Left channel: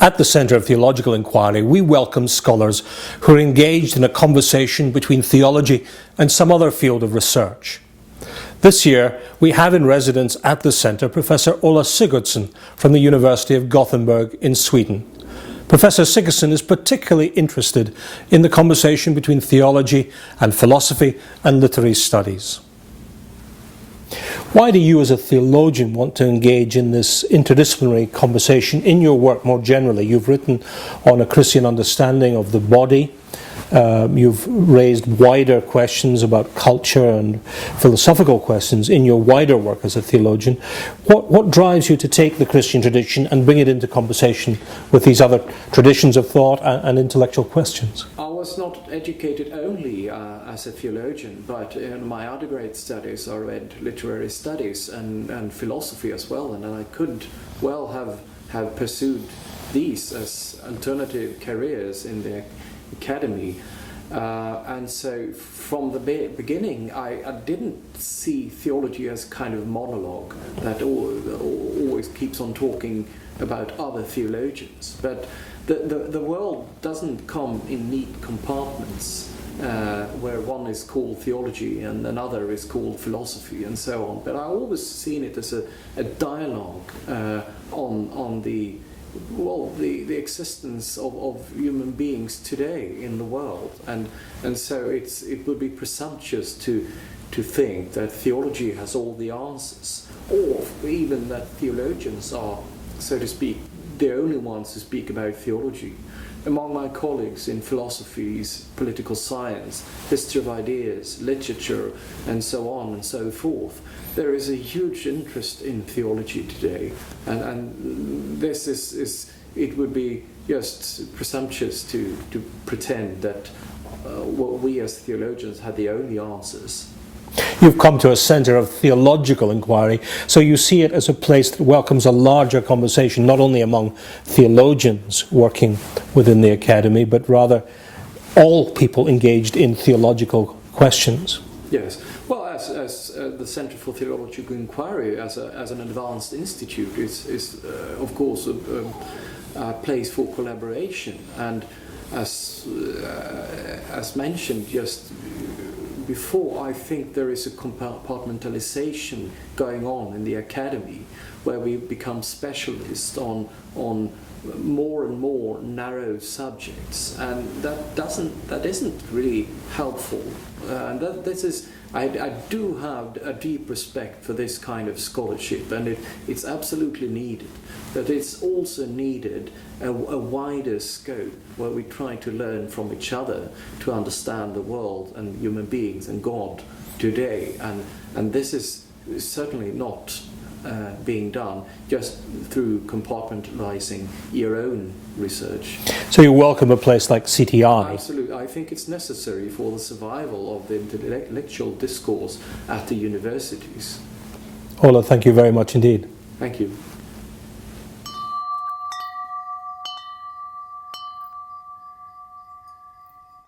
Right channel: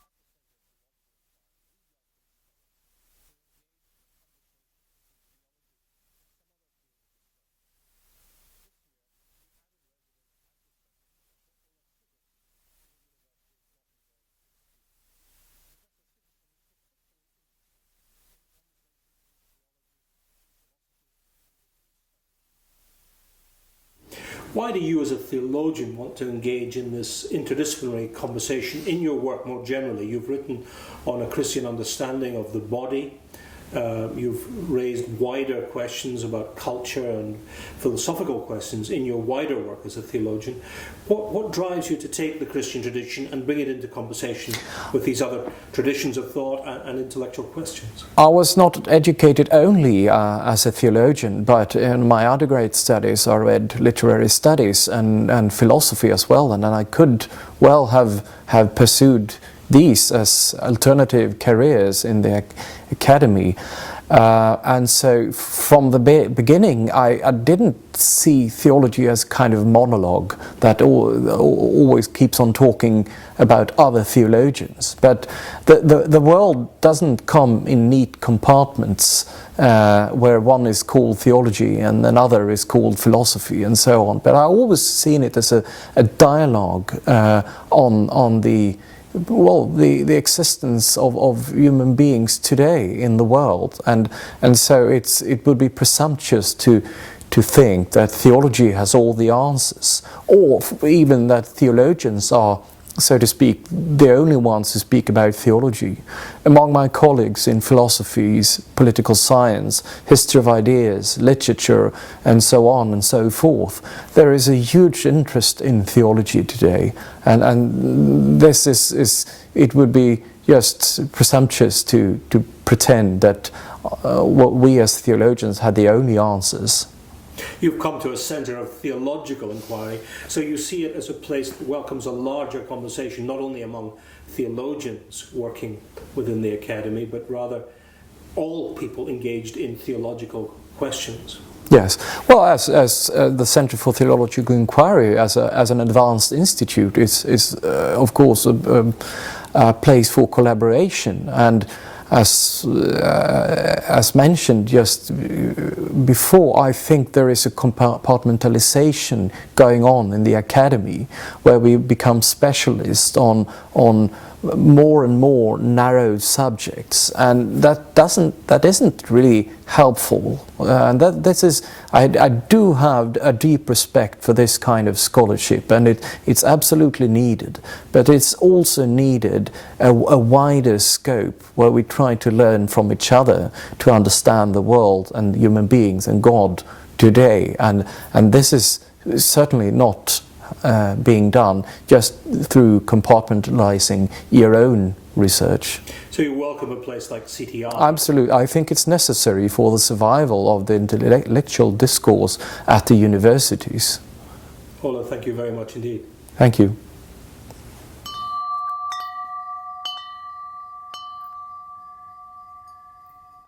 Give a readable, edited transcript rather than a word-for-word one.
At the Center of Theological Inquiry, we welcome scholars who are engaged in a conversation between theology and some other field of research. This year, we have in residence at the Centre Professor Ola Sigurdson from the University of Gothenburg in Sweden. Professor Sigurdson is particularly interested in the conversation between theology and philosophy and literary studies. Why do you as a theologian want to engage in this interdisciplinary conversation in your work more generally? You've written on a Christian understanding of the body. You've raised wider questions about culture and philosophical questions in your wider work as a theologian. What drives you to take the Christian tradition and bring it into conversation with these other traditions of thought and intellectual questions? I was not educated only as a theologian, but in my undergrad studies I read literary studies and philosophy as well, and then I could well have pursued these as alternative careers in the academy, and so from the beginning I didn't see theology as kind of monologue that always keeps on talking about other theologians, but the world doesn't come in neat compartments where one is called theology and another is called philosophy and so on, but I always seen it as a dialogue on the existence of human beings today in the world, and so it would be presumptuous to think that theology has all the answers, or even that theologians are, so to speak, the only ones who speak about theology. Among my colleagues in philosophies, political science, history of ideas, literature, and so on and so forth, there is a huge interest in theology today, and this is it would be just presumptuous to pretend that what we as theologians had the only answers. You've come to a Center of Theological Inquiry, so you see it as a place that welcomes a larger conversation, not only among theologians working within the academy, but rather all people engaged in theological questions. Yes. Well, as the Center for Theological Inquiry, as an advanced institute, is of course a place for collaboration, and as mentioned just before, I think there is a compartmentalization going on in the academy, where we become specialists on more and more narrow subjects, and that isn't really helpful. And I do have a deep respect for this kind of scholarship, and it's absolutely needed. But it's also needed a wider scope, where we try to learn from each other to understand the world and human beings and God today. And this is certainly not being done just through compartmentalizing your own research. So you welcome a place like CTI? Absolutely. I think it's necessary for the survival of the intellectual discourse at the universities. Ola, thank you very much indeed. Thank you.